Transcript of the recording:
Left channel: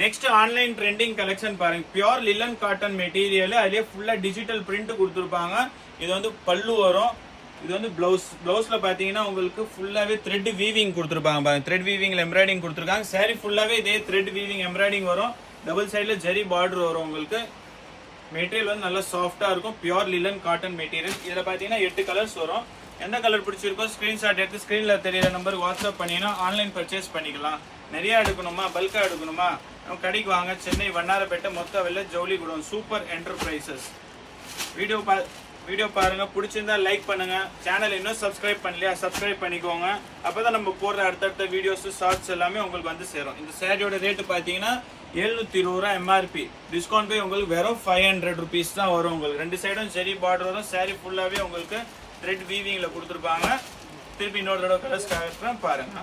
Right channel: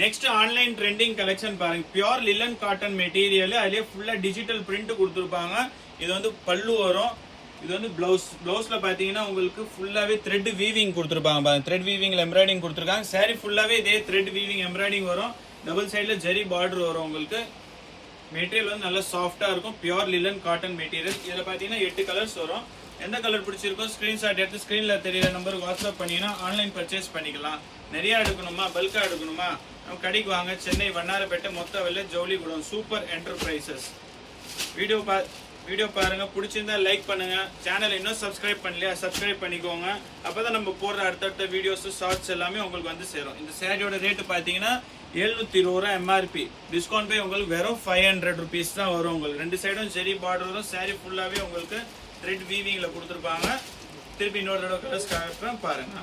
Next online trending collection பாருங்க. Pure லிலன் cotton material, அதுலயே ஃபுல்லா டிஜிட்டல் பிரிண்ட் கொடுத்துருப்பாங்க. இது வந்து பல்லு வரும். இது வந்து பிளவுஸ்ல பாத்தீங்கன்னா உங்களுக்கு ஃபுல்லாவே த்ரெட் வீவிங் கொடுத்துருப்பாங்க பாருங்க. த்ரெட் வீவிங்ல எம்ப்ராய்டிங் கொடுத்துருக்காங்க. சாரி ஃபுல்லாவே இதே த்ரெட் வீவிங் எம்ப்ராய்டிங் வரும். டபுள் சைடுல ஜரி பார்டர் வரும் உங்களுக்கு. மெட்டீரியல் வந்து நல்லா சாஃப்டா இருக்கும். Pure லிலன் cotton material. இதுல பாத்தீங்கன்னா 8 கலர்ஸ் வரும். எந்த கலர் பிடிச்சிருக்கோ ஸ்கிரீன்ஷாட் எடுத்து ஸ்கிரீன்ல தெரியற நம்பருக்கு வாட்ஸ்அப் பண்ணீங்கன்னா ஆன்லைன் பர்ச்சேஸ் பண்ணிக்கலாம். நிறைய எடுக்கணுமா, பல்கா எடுக்கணுமா, நம்ம கடைக்கு வாங்க. சென்னை வண்ணாரப்பேட்டை மொத்த வெள்ள ஜவுளி குடோன் சூப்பர் என்டர்பிரைசஸ். வீடியோ பாருங்க, பிடிச்சிருந்தா லைக் பண்ணுங்க. சேனல் இன்னும் சப்ஸ்கிரைப் பண்ணலையா, சப்ஸ்கிரைப் பண்ணிக்கோங்க. அப்பதான் நம்ம போடுற அடுத்தடுத்த வீடியோஸ் ஷார்ட்ஸ் எல்லாமே உங்களுக்கு வந்து சேரும். இந்த சாரியோட ரேட் பாத்தீங்கன்னா 720 ரூபா எம்ஆர்பி. டிஸ்கவுண்ட் போய் உங்களுக்கு வெறும் 500 ருபீஸ் தான் வரும். உங்களுக்கு 2 சைடும் ஜெரி பார்டர் வரும். சாரி ஃபுல்லாவே உங்களுக்கு த்ரெட் வீவிங்ல கொடுத்துருப்பாங்க. திருப்பி இன்னொரு தடவை கலர்ஸ் பாருங்க.